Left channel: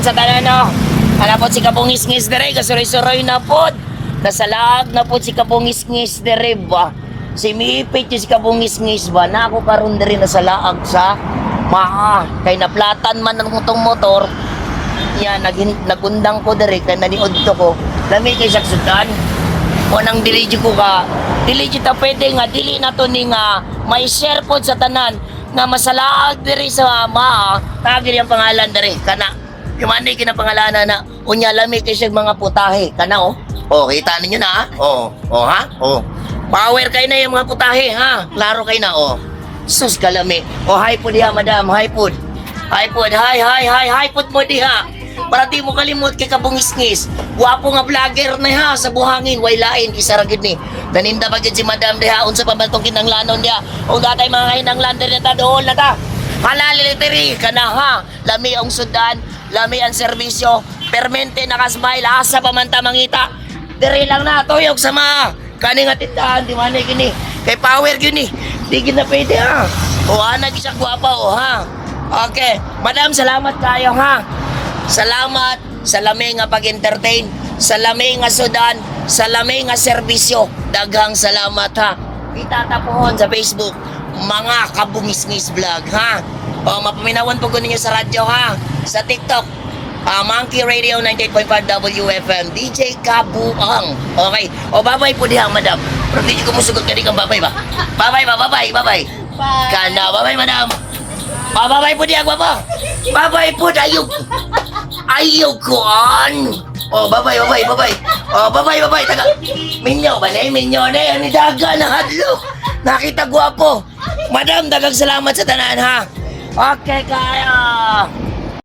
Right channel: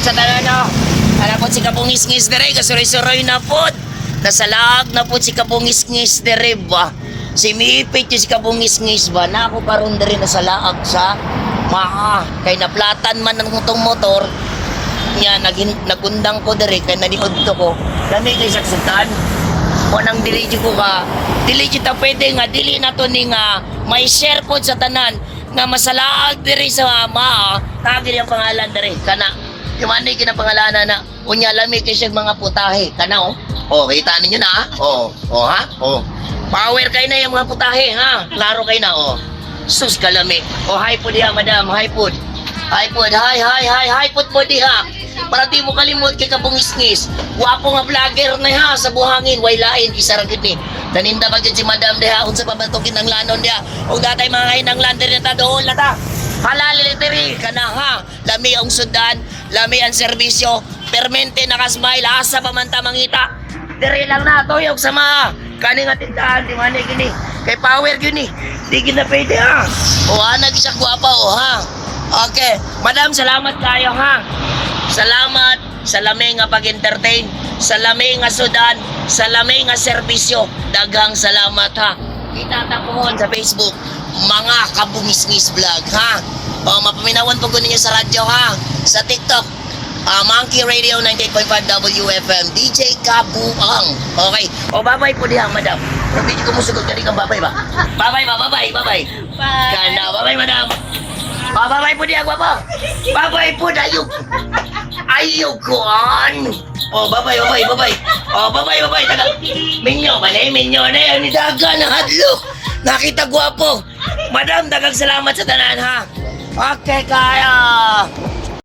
sa tanan no. Ana po si kabungis-ngis dire kasuroy-suroy na pod. Nasalag na po si kabungis-ngis dire ba. Si Mipit si kabungis-ngis ba na ako karon dire nasalaag sa maa kay naplatan man ang motong motor. Ya nagin nagundang ko dire kay naniod to ko. Lami kay saksutan. O nang dili ko ka, dili kita pwede nga dili na to ni nga may share pod sa tanan nga masalaag diri sa maa. Tagir yung pangalan diri kana. Kumani kinapangalanan na unya lami kay siya mga putahe kana oh. Oh, kita ninyo na ha? Oh, oh ha? Oh. Power kay na yung mga putahe ha. Klaro kay na oh. Sus kalami. Oh, hi po diha, madam. Hi po. Hi po. Hi, hi, hi, hi po mo diha. Para di mo kalimot kay kabungis-ngis. Wapo nga vlogger na ha sa buhangin. Way lain, isa ra gid ni. Naninda ba gid si madam diha unsa pa batong kinanglanon diha. O datay mga kainang lander na ta doon na ta. Halal literi kana ha. Lami ang sudan, lami ang serbisyo. Permente nakasmile asa pa man ta mangita. Diri lang na tuyog sa mga kani nga tindahan di man gini. Kay power gini. Di gina pwede ha. O ana siya gwapa o ha. Okay, madam salamat kayo ha. Salamat sa lami nga pag-entertain, sa lami nga sudan, sa lami nga serbisyo. Daghang salamat ha. Kita ta pohon sa Facebook, mga kabungis-ngis vlog ha. O mapaminawan po ko ninyo sa radyo ha. Sa TikTok, ah, Monkey Radio 98.5 WFM, DJ Kabuang. Okay. O babay po diha, madam. Pero di ko musugot ka di kang babay ba? Babay ba, babay, babay. Bye. Kana, babay, madam. Ah, babay po diha, gwapa. Babay po, ayog. Ayog ko an. Oh, babay, babay, babay. Oh, babay, babay. Taga. Minyo ba na Minyo na yun. Daga na hadlok. Nakita gwapo. Madam, dagang salamat sa tanan ha. Okay, kaya.